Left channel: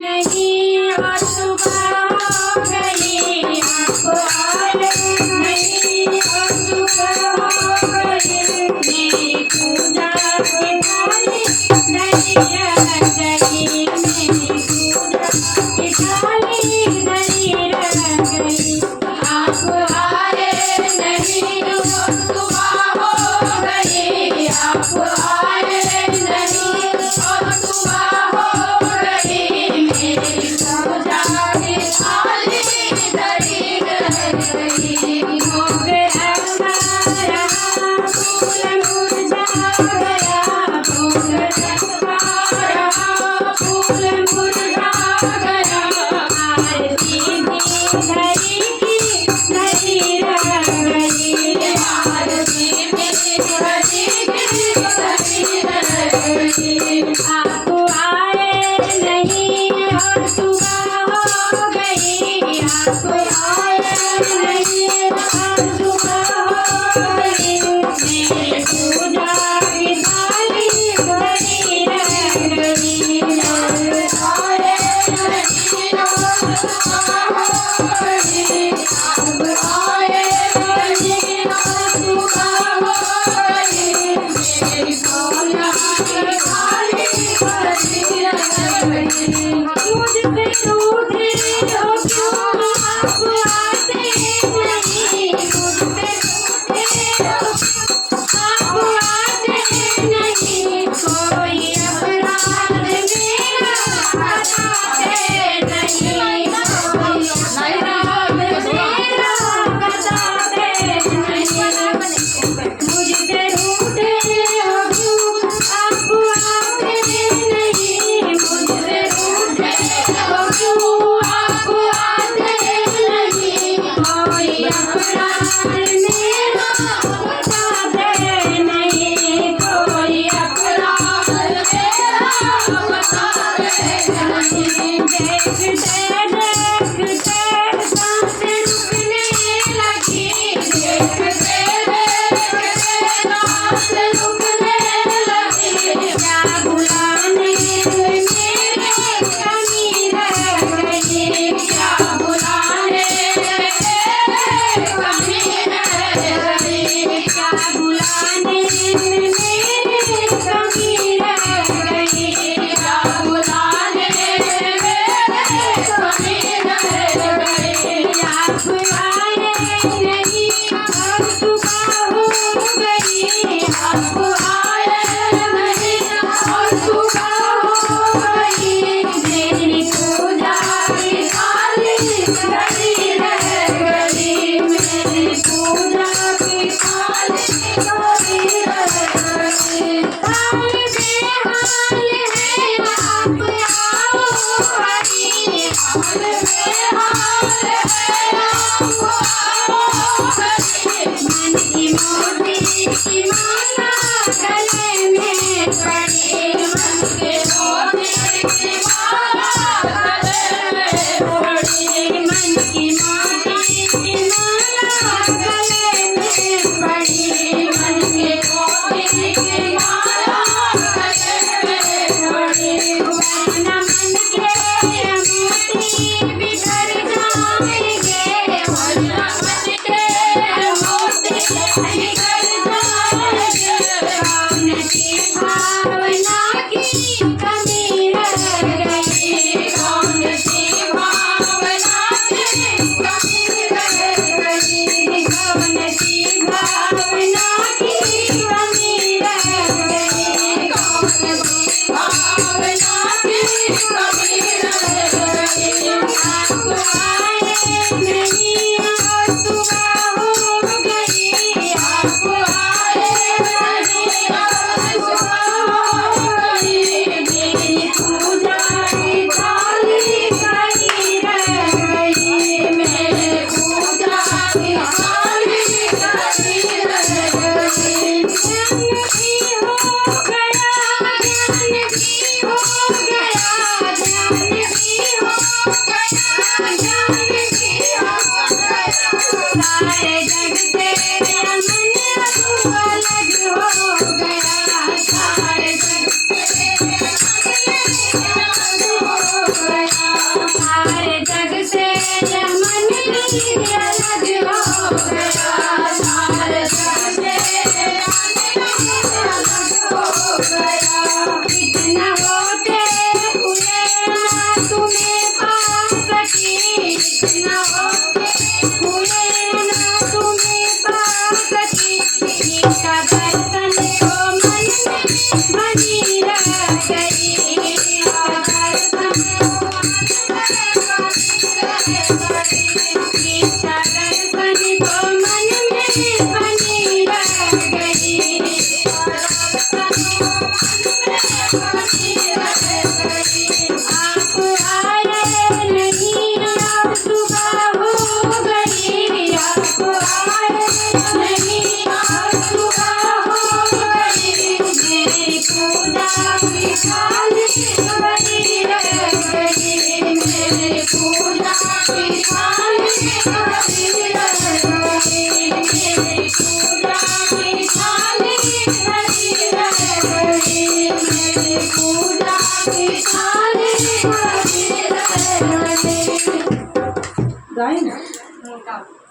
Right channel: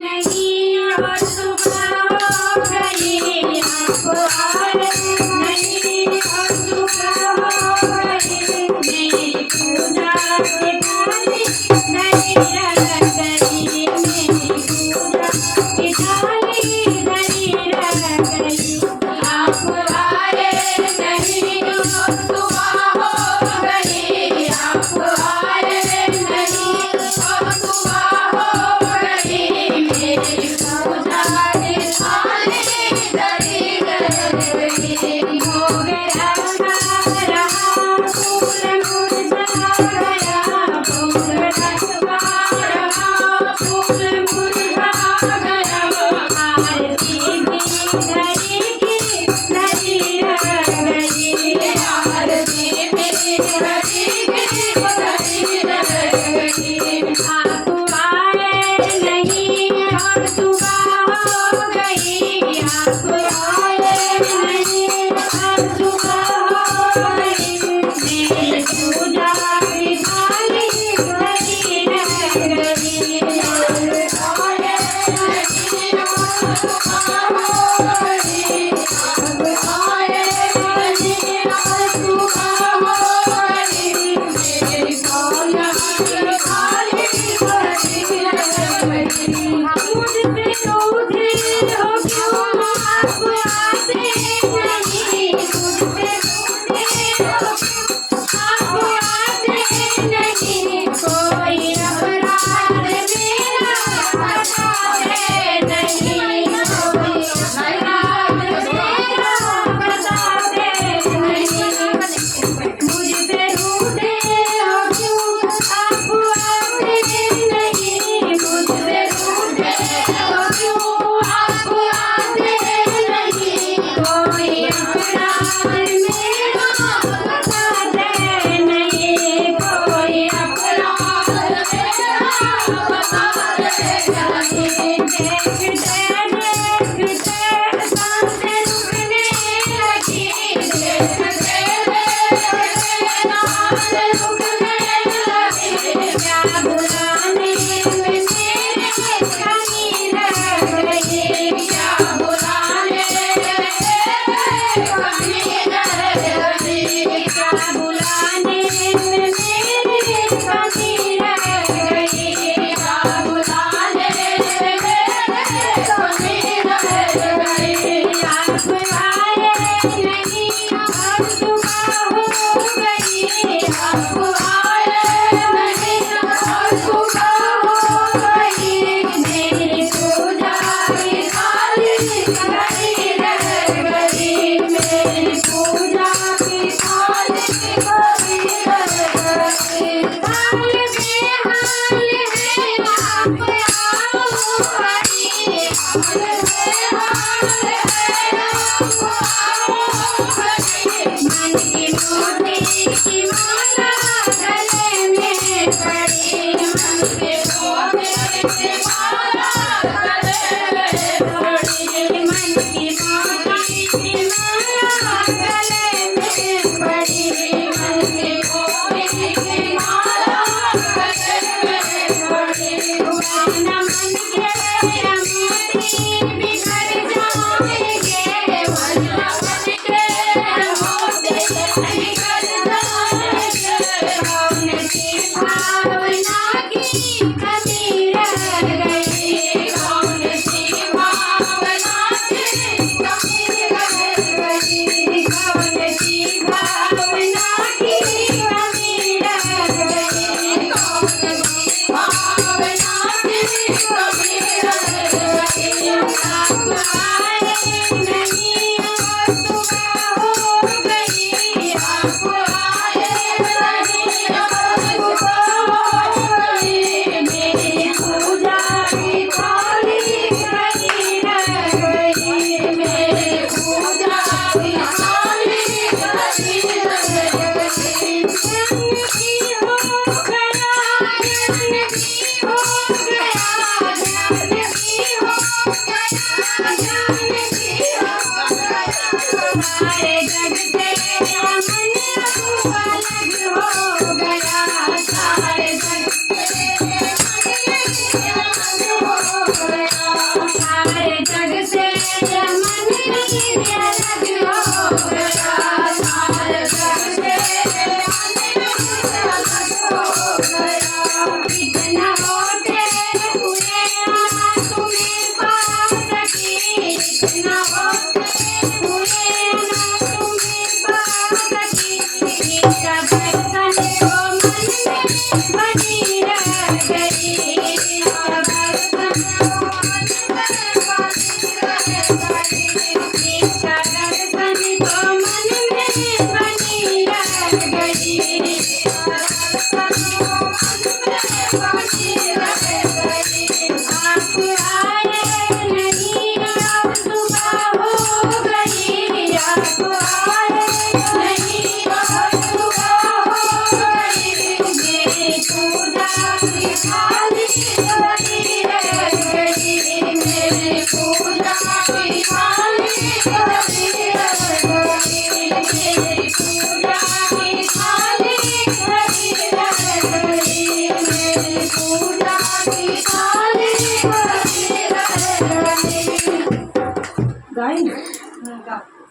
नहीं और सुबह हो गई आपको और नहीं और सुबह हो गई मेरी पूजा की थाली नहीं रह गई मेरी पूजा की थाली नहीं रह गई आप आए नहीं और सुबह हो गई आप आए नहीं और सुबह हो गई मेरी पूजा की थाली धरी रह गई हो गया हमारा फूल मुरझा गया फूल हमारा फूल मुरझा गया आरती भी धरी की धरी रह गई आरती भी धरी की धरी रह गई आप आए नहीं और सुबह हो गई आप आए नहीं और सुबह हो गई मेरी पूजा की थाली धरी रह गई आप आए नहीं और सुबह हो गई आप आए नहीं और सुबह हो गई मेरी पूजा की थाली धरी रह गई मुझसे रूठे हो क्यों आप आते नहीं मुझसे रूठे हो आप आते नहीं कोई अपराध मेरा बताते नहीं कोई अपराध मेरा बताते नहीं मुझसे रूठे हो क्यों आप आते नहीं मुझसे रूठे हो क्यों आप आते नहीं कोई अपराध मेरा बताते नहीं कोई अपराध मेरा बताते नहीं देखते देखते सांसें रुकने लगी देखते देखते सांसें रुकने लगी क्या बुलाने में मेरे कमी रह गई क्या बुलाने में मेरे कमी रह गई क्या बुलाने में मेरे कमी रह गई क्या बुलाने में मेरे कमी रह गई आप आए नहीं और सुबह हो गई आप आए नहीं और सुबह हो गई मेरी पूजा की थाली धरी रह गई मेरी पूजा की थाली धरी रह गई हाल बेहाल है आप आओ हरी हाल बेहाल है आप आओ हरी मन की मोती की माला गले में पड़ी मन के मोती की माला गले में पड़ी मन की मोती की माला गले में पड़ी मन के मोती की माला गले में पड़ी वरना मन के मोती बिखर जाएंगे वरना मन के मोती बिखर जाएंगे कौन सी भावना की कमी रह गई कौन सी भावना की कमी रह गई कौन सी भावना की कमी रह गई कौन सी भावना की कमी रह गई आप आए नहीं और सुबह हो गई आप आए नहीं और सुबह हो गई मेरी पूजा की थाली धरी रह गई मेरी पूजा की थाली धरी रह गई रंग भी हो गया रंग भी हो गया गाए ना